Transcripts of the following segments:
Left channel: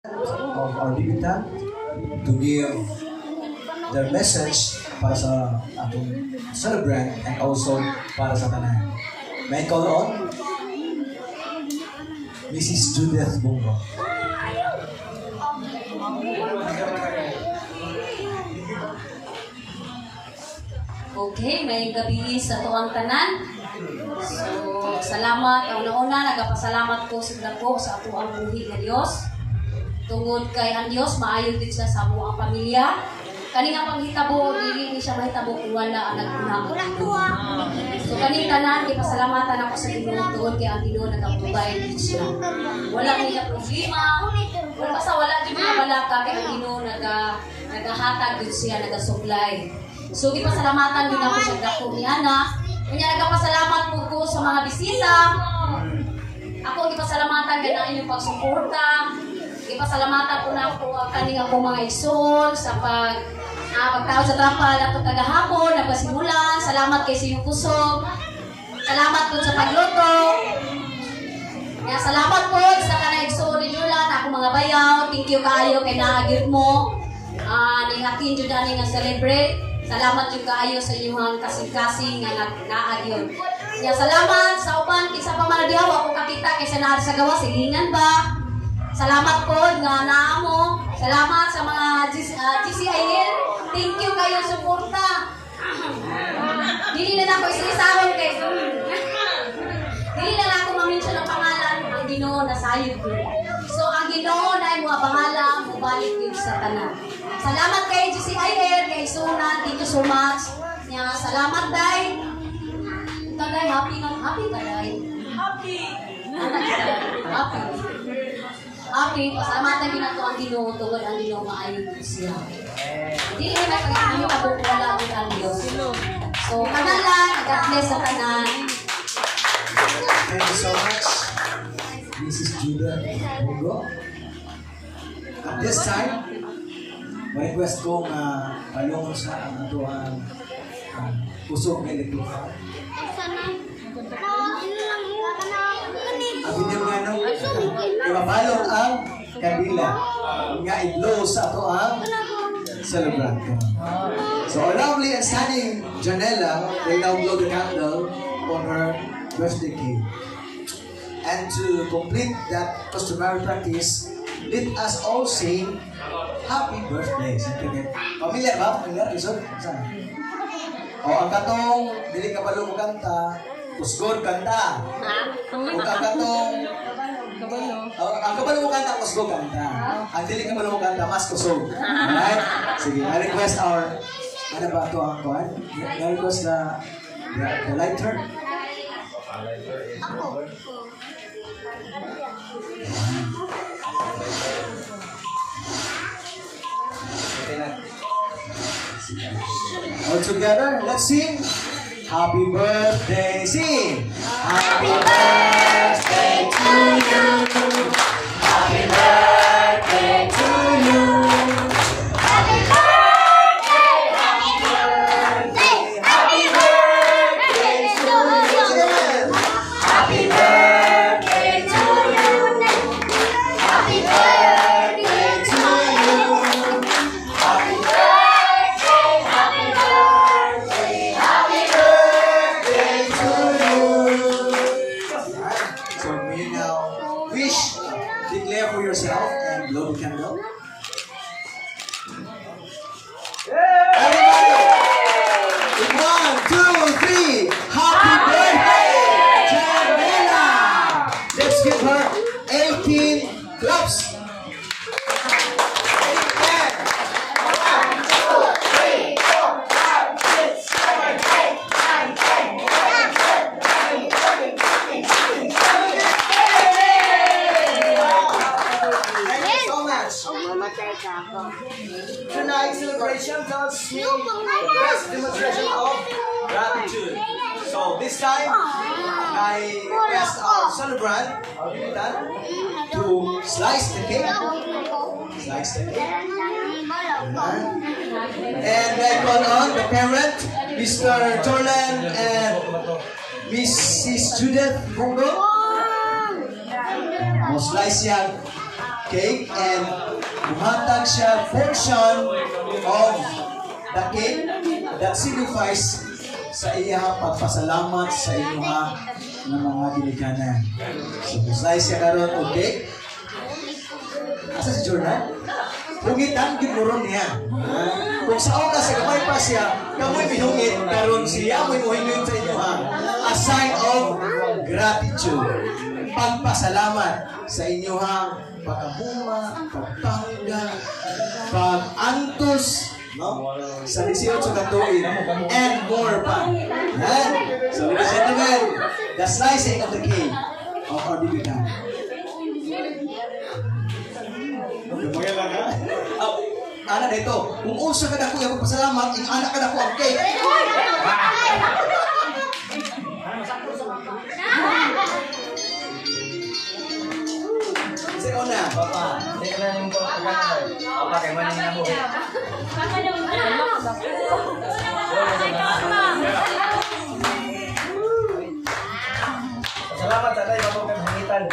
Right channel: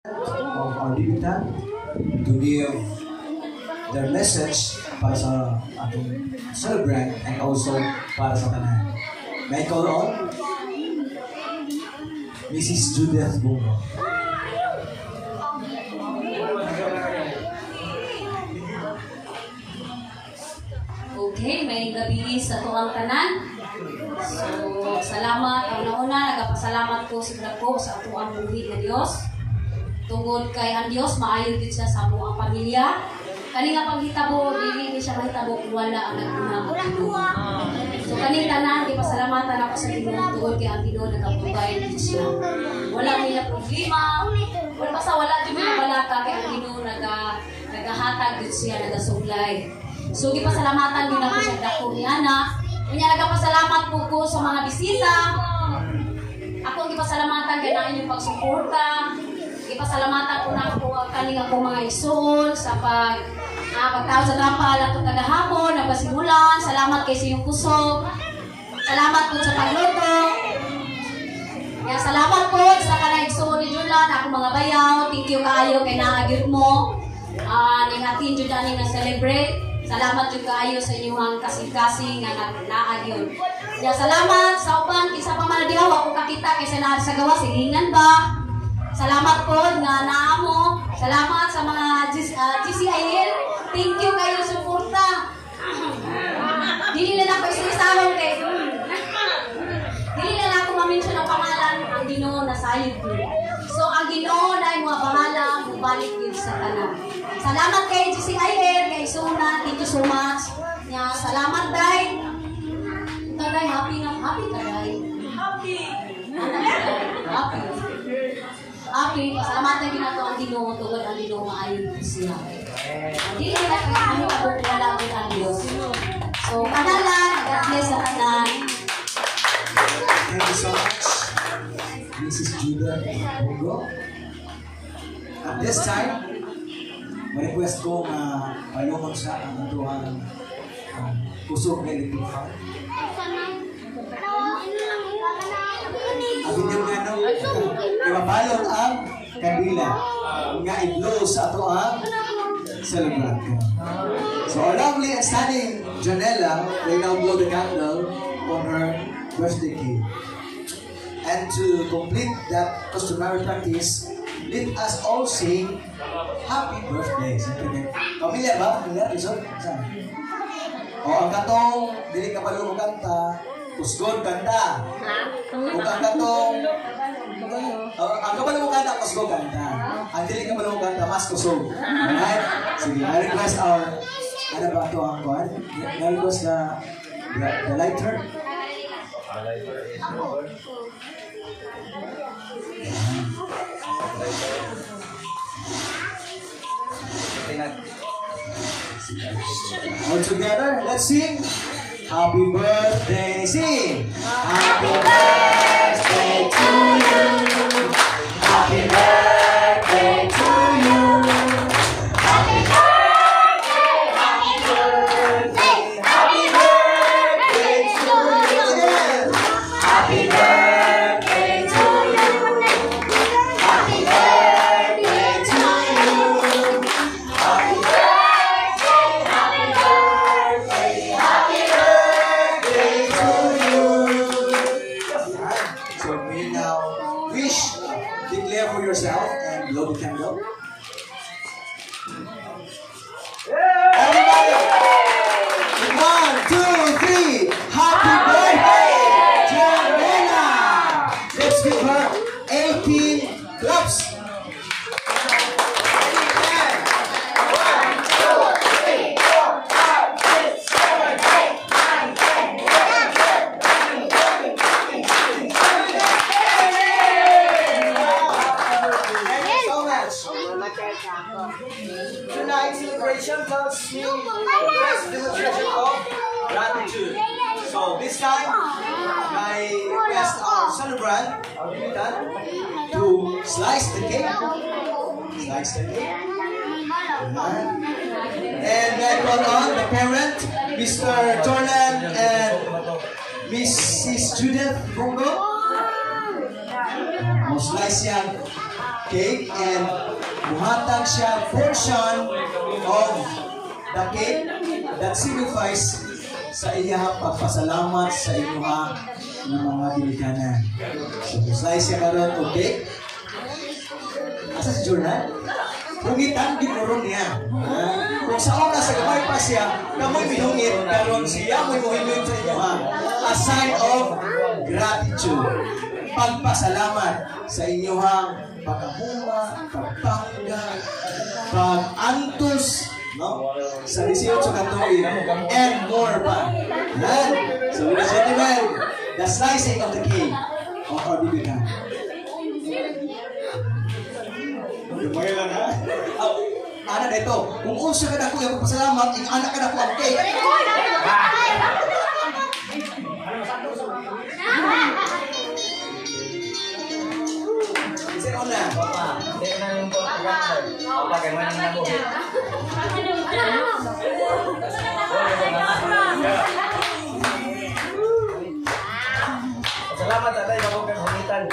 of our debutant to give their message para sa atong celebrant and also para sa tanan. May call on Mrs. Judith Bungo. Okay, may gabi sa tuwang tanan. So, salamat. Una-una, nagapasalamat ko sigla ko sa ato ang buhi ng Diyos. Tungod kay ang Diyos, maayo din siya sa amuang pamilya. Kani nga panghitabo, dili ni siya mahitabo kung wala ang nagpunang at Ginoo. So, kaning tanan, ipasalamatan ako sa Ginoo tungod kay ang Ginoo nagapugay din siya. Wala niya problema. Basta wala din mga balaka kay ang Ginoo nagahatag din siya, nagasuglay. So, ipasalamatan din ako sa dako ni Ana. Kanya nagapasalamat po ko sa mga bisita. Ako ipasalamatan kay na inyong pagsuporta. Ipasalamatan ko na ako ang kaning ako mga isol sa pagtawag sa trapal at kagahapon, nagpasimulan. Salamat kay sa iyong kusog. Salamat po sa pagluto. Kaya salamat po sa kanang isol ni Julan, ako mga bayaw. Thank you kaayo kay naagit mo. Nihatin dyan dyan nga celebrate. Salamat yung kaayo sa inyong kasing-kasing nga naagyon. Kaya salamat sa upan, kisa pa manadiyaw ako kakita kaysa na sa gawa, silingan ba? Salamat po nga naamo. Salamat sa mga GCIL. Thank you kayo suporta. Dili na ako isisalong kay dili na ako mamention ang pangalan. Ang Ginoo nasayod ko. So ang Ginoo na mga bahala mubalik yun sa tanan. Salamat kay GCIL, kay Suna. Thank you so much. Salamat day. Taday happy taday. Happy. Happy, pasalamatan din nato ang Ginoo tungod ang Ginoo maayon siya. Dili may pagkakami tabok wala gud ang Dios. So, kanalan, God bless sa tanan. Thank you so much, Mrs. Judah Bungo. At this time, ma-request ko nga palungon sa ang atuang pusok ng electric heart. Abinin nga no, ipabalot ang kabila nga i-blow sa ato ang celebrant. So our lovely and stunning Janela will now blow the candle on her birthday cake. And to complete that customary practice, let us all sing happy birthday. Pamilya ba? Pamilya? Saan? O ang katong, dili ka balo mo kanta, kusgod kanta. O ang katong, ang kabalo mo kanta, kusgod kanta. Ang dili ka balo mo kanta, mas kusog. Alright? Sige, I request our, ano ba ito ang kuhan? I request the lighter. All together, let's sing. Happy birthday, sing. Happy birthday to you. Happy birthday to you. Happy birthday, happy birthday, happy birthday to you. Happy birthday to you. Happy birthday to you. Happy birthday, happy birthday, happy birthday to you. So may you now wish, declare for yourself and blow the candle. Everybody! 1, 2, 3. Happy birthday, Janela! Let's give her 18 claps. Tonight's celebration tells me the best demonstration of gratitude. So this time, I request our celebrant, our debutant, to slice the cake. Slice the cake. And then call on the parent, Mr. Jordan and Mrs. Judith Bungo. Slice yan. cake and buhatag siya portion of the cake that signifies sa iyang pagpasalamat sa inyong ng mga dilikanan. So, slice siya karon o cake. Asa si Jordan? Hungitan, ginuron niya. Kung sa oras, sa gamay pa siya, kamoy mihungit, karon siya mo'y muhingin sa inyo a sign of gratitude. Pagpasalamat sa inyong pagkahuma, pagpahangga, pag-antos, no? Sa 18 na tuig, and more pa. So, ladies and gentlemen, the slicing of the cake of our bibigan. Ana dito, kung unsa ka dako yung pasalamat, yung anak ka dako ang cake. Sino na? Papa. Papa, kaya manin na mo. Salamat sa tayo, bago kang humitan.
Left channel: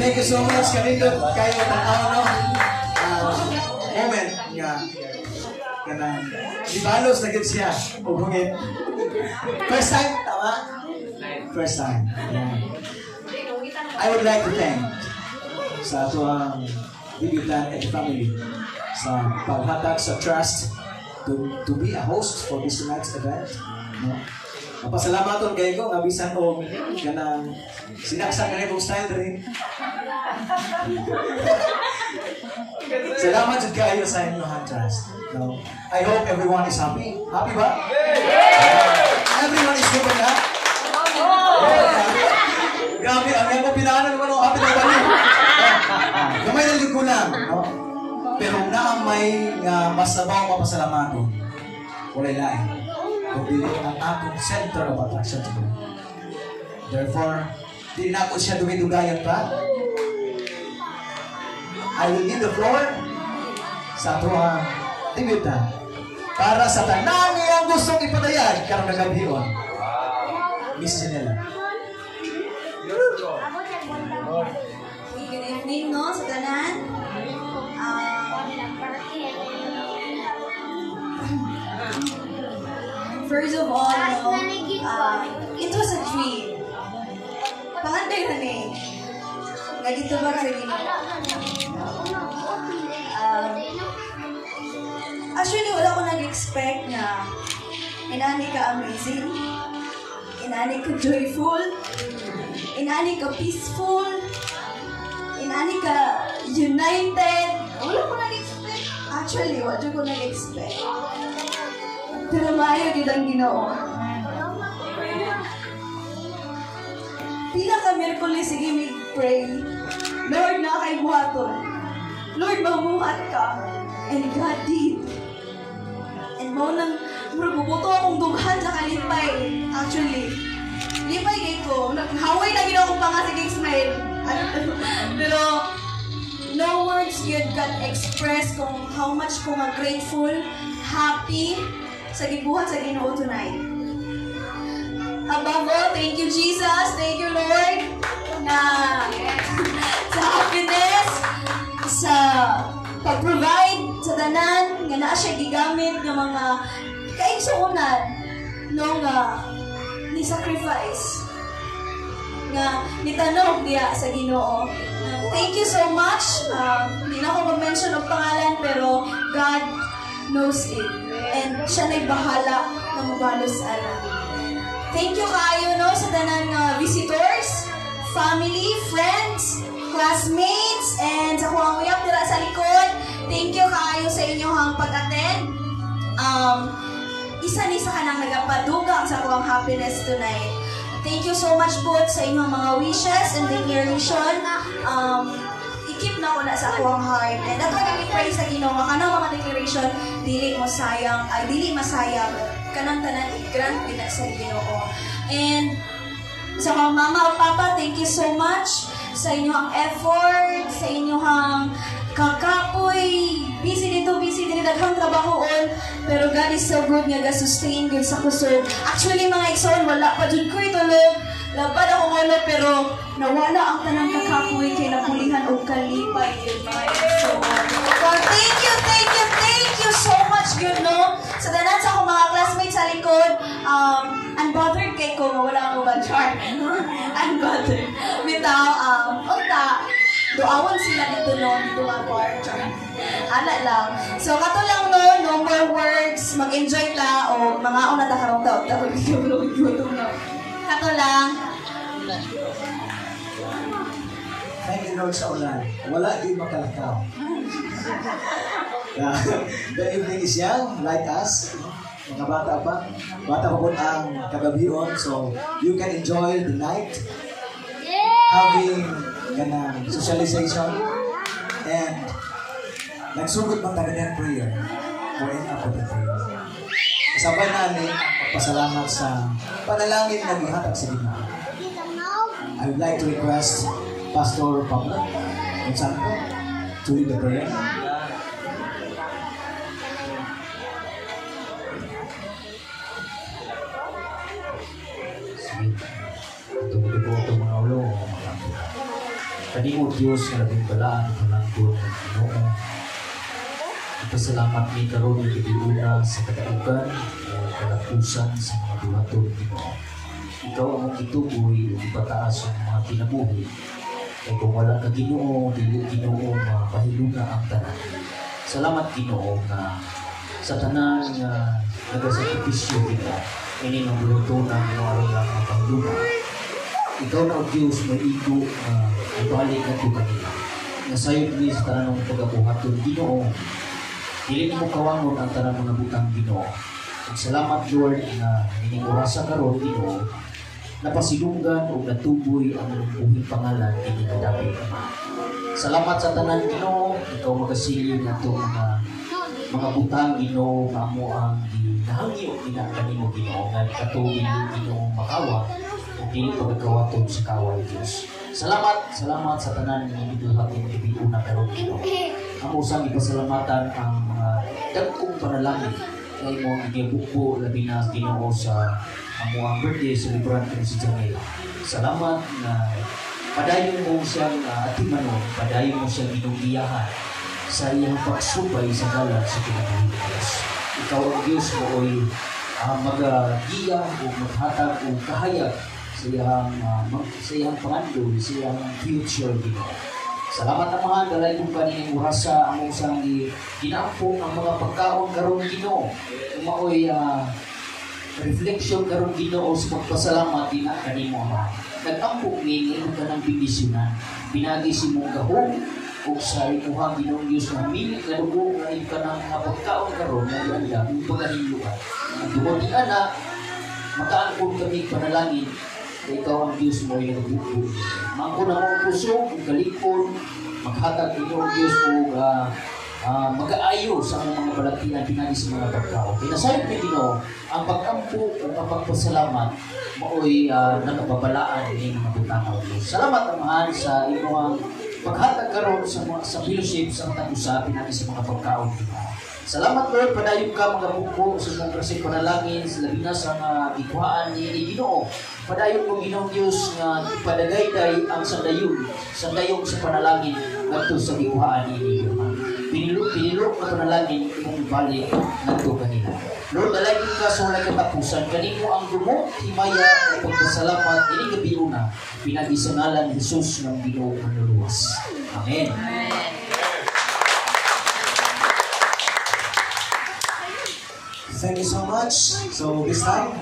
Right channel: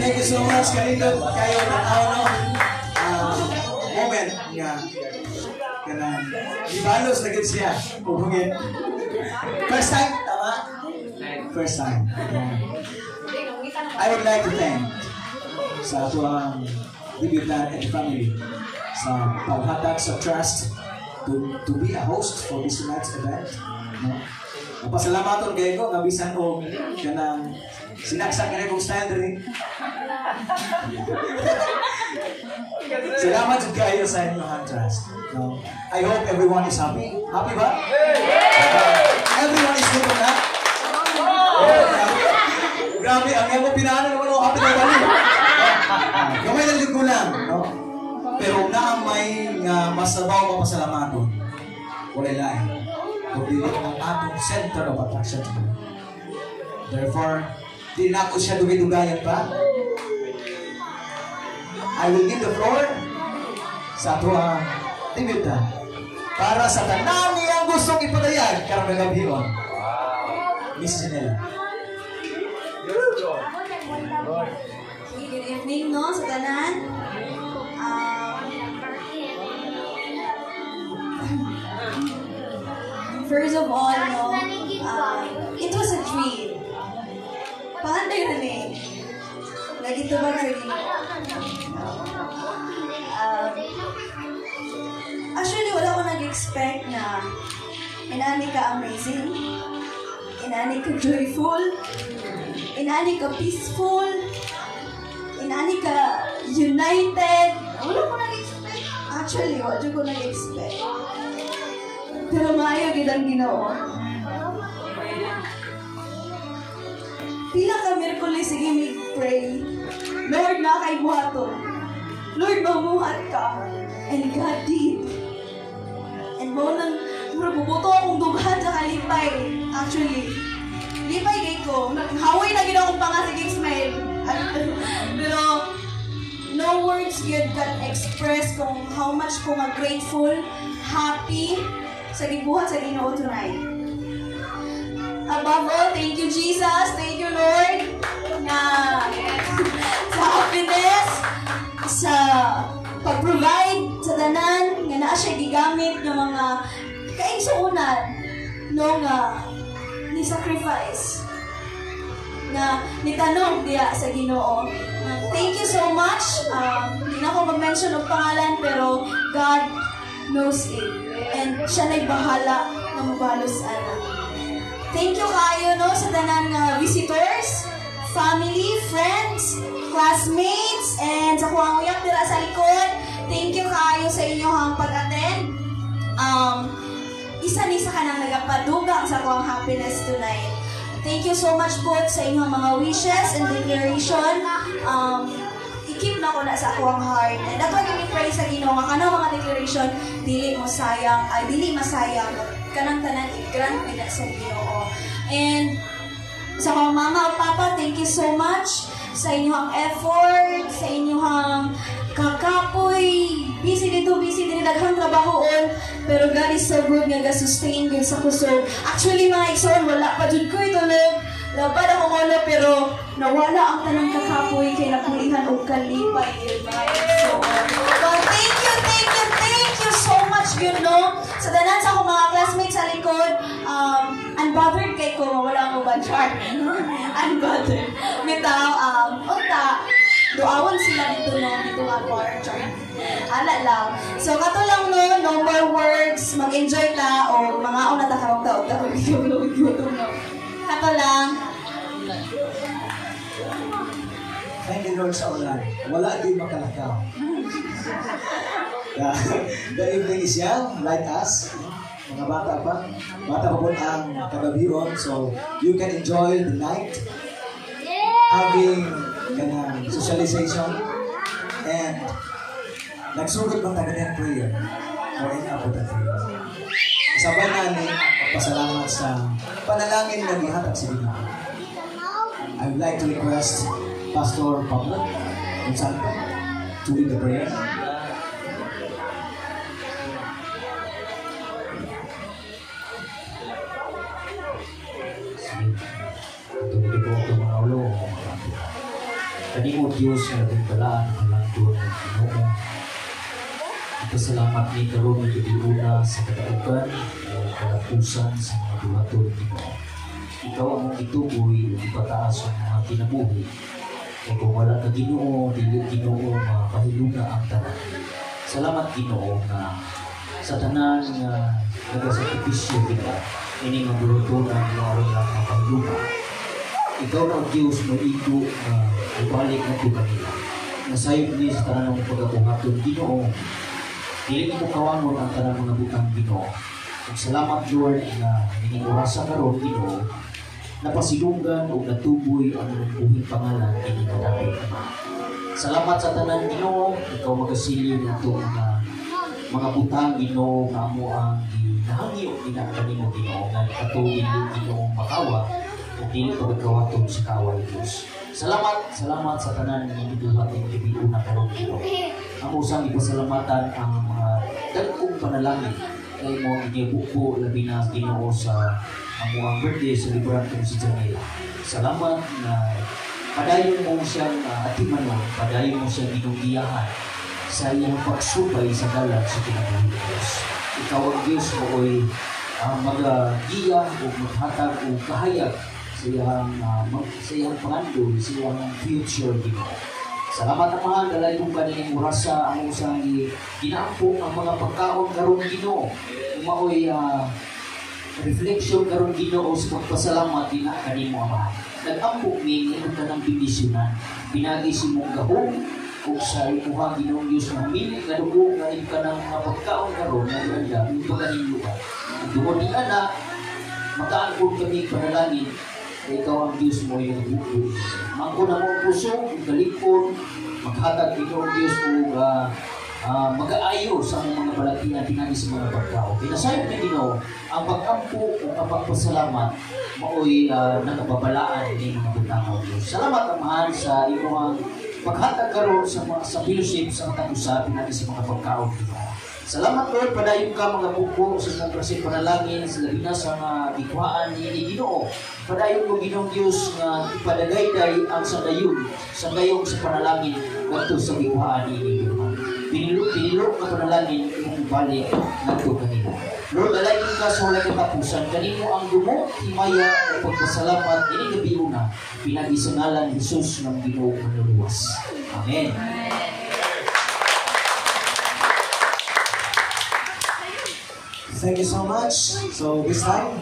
Thank you so much, kalindot kayo ng moment nga ibalos na gid siya hungit. First time, tama? First time. I would like to thank sa ato Bibigan and family sa paghatag sa trust to be a host for this tonight's event. No? Pasalamaton kayo ko, nabisan ko kanang sinaksak ka na kong style rin. Salamat jud kayo sa inyong trust. No? I hope everyone is happy. Happy ba? Everyone is good na? Grabe, ang iyong pinaanan naman ang happy na balik. Kamay na ko lang. No? Pero na ang may mas sabaw mapasalamaton. Walay lain. Kundi ang atong center of attraction. Therefore, di na ako siya dumidugayan pa. I will give the floor sa ato Bibigan para sa tanan niyang gustong ipadayag karong nagabhion. Miss Janela. Good evening, no, sa tanan. First of all, no, it was a dream. Pahanday na ni. Nagitubag sa Ginoo. Actually, wala ko nag-expect na inani ka amazing, inani ka joyful, inani ka peaceful, inani ka united. Wala ko nag-expect. Actually, wala ko nag-expect. Pero maayo gid ang Ginoo. Pila ka Miyerkules sige mig pray. Lord, na kay buhaton. Lord, mamuhat ka. And God did. And mo nang bubuto akong dughan sa kalipay. Actually, lipay kay ko. Haway na gid akong pangasig smile. Pero no words yet can express kung how much ko nga grateful, happy sa gibuhat sa Ginoo tonight. Above all, thank you Jesus, thank you Lord na sa happiness, sa pag-provide sa tanan nga naa siya gigamit ng mga kaigsuunan no nga ni sacrifice nga nitanong diya sa Ginoo. Thank you so much. Hindi na ako mag-mention ng pangalan pero God knows it. And siya na'y bahala na mabalos ana. Thank you kayo no sa tanang visitors, family, friends, classmates, and sa kuwang uyak dira sa likod. Thank you kayo sa inyong pag-attend. Isa-isa ka nang nagapadugang sa kuwang happiness tonight. Thank you so much po sa inyong mga wishes and declaration. i-keep na ko na sa ako ang heart. And that's why I pray sa Ginoo nga kanang mga declaration dili mo sayang, ay dili masayang kanang tanan i-grant nila sa Ginoo. And sa mga mama o papa, thank you so much sa inyong effort, sa inyong kakapoy, busy dito, daghang trabahoon, pero God is so good nga ga-sustain yun sa kusog. Actually, mga igsoon, wala pa dyan ko itulog. Labad ako ngalo, pero nawala ang tanang kakapoy kay napulihan o kalipay yun, mga igsoon. So, thank you so much, good no? Sa danan sa akong mga classmates sa likod, unbothered kay ko, wala mo ba, char? Unbothered. Bitaw, unta, doawan sila dito no, dito nga quarter. Ala lang. So, kato lang no, no more words, mag-enjoy la, o mga una takarong taon, gutom no. Kato lang. Thank you Lord sa ulan. Wala di makalakaw. The evening is young, like us. Mga bata pa. Bata pa po ang kagabion. So, you can enjoy the night. Having ganang socialization. And nagsugod man tayo ng prayer. Going up with the prayer. Kasabay namin magpasalamat sa panalangin na gihatag sa Ginoo. I would like to request Pastor Pablo Gonzalo to lead the prayer. Kani mo Diyos na nagbalaan ang langdon ng Ginoo. Pasalamat ni karon ng gibiuna sa kadaugan o kalapusan sa mga buhaton ng Ginoo. Ikaw ang ituboy o ipataas ang mga kinabuhi. Kaya kung wala ka Ginoo, dili Ginoo mapahiluna ang tanan. Salamat Ginoo na sa tanan nga nagasakripisyo kita, ini nga buhaton ng Ginoo lang mapahiluna. Ikaw na ang Diyos may igo ibalik na ito kanila. Nasayod niya sa tanan ng pagkabuhaton Ginoo. Dili mo kawangon ang tanan mga butang Ginoo. Salamat Lord na niningurasa karon Ginoo, napasilunggan o natuboy ang buhing pangalan ni kadapit. Salamat sa tanan Ginoo, ikaw magasilyo na itong mga butang Ginoo nga mo ang ginahangyo ginakani mo Ginoo nga katuwing Ginoo makawa o dili ka magkawaton sa kaway Diyos. Salamat sa tanan ng ibuhat ng ibiuna karon Ginoo. Amo sang ipasalamatan ang mga dagkong panalangin kay mo igibuko labi na Ginoo sa amuang birthday celebrant ko si Janela. Salamat na padayon mo siyang atimanon, padayon mo siyang ginugiyahan sa iyang pagsubay sa galag sa kinabuhi ng Diyos. Ikaw ang Diyos mo ay mag-giya o maghatag o kahayag sa iyang pangandol, sa iyang future Ginoo. Salamat ang mga dalay kong kanilang urasa ang usang ginaampong ang mga pagkaon karon Ginoo. Umaoy reflection karon Ginoo sa pagpasalamat din kanimo Ama. Nag-ampong nini ka ng bibisyonan. Pinagi si mong gahong o sa imuhang Ginoong Diyos na milit na dugo na ka ng mga pagkaon karon na ganda yung pagkahiluan. Ang dugo ni anak, makaangkod kami panalangin na ikaw ang Diyos mo ay nagbubo. Mangko na mong puso, kalikon, maghatag Ginoong Diyos mo mag-aayo sa mga balatinan pinagi sa mga pagkao. Pinasayot na Ginoo, ang pag-ampo at ang pagpasalamat mao'y nagababalaan ng mga butanaw Diyos. Salamat Amahan sa iyong paghatag karon sa fellowship sa katag-usa pinagi sa mga pagkao. Salamat Lord, padayon ka mga buko sa mong klaseng panalangin, sa labi na sa mga ikuhaan ni Ginoo. Padayon mo Ginoong Diyos nga ipadagayday ang sandayon sa panalangin ngadto sa ikuhaan ni Ginoo. Pinilok na panalangin imong balik ngadto kanila. Lord, dalagin ka sa walay katapusan, kanino ang dumo, himaya o pagpasalamat ini gabiuna pinagi sa ngalan Jesus ng Ginoo manluluwas. Amen. Thank you so much. So this time,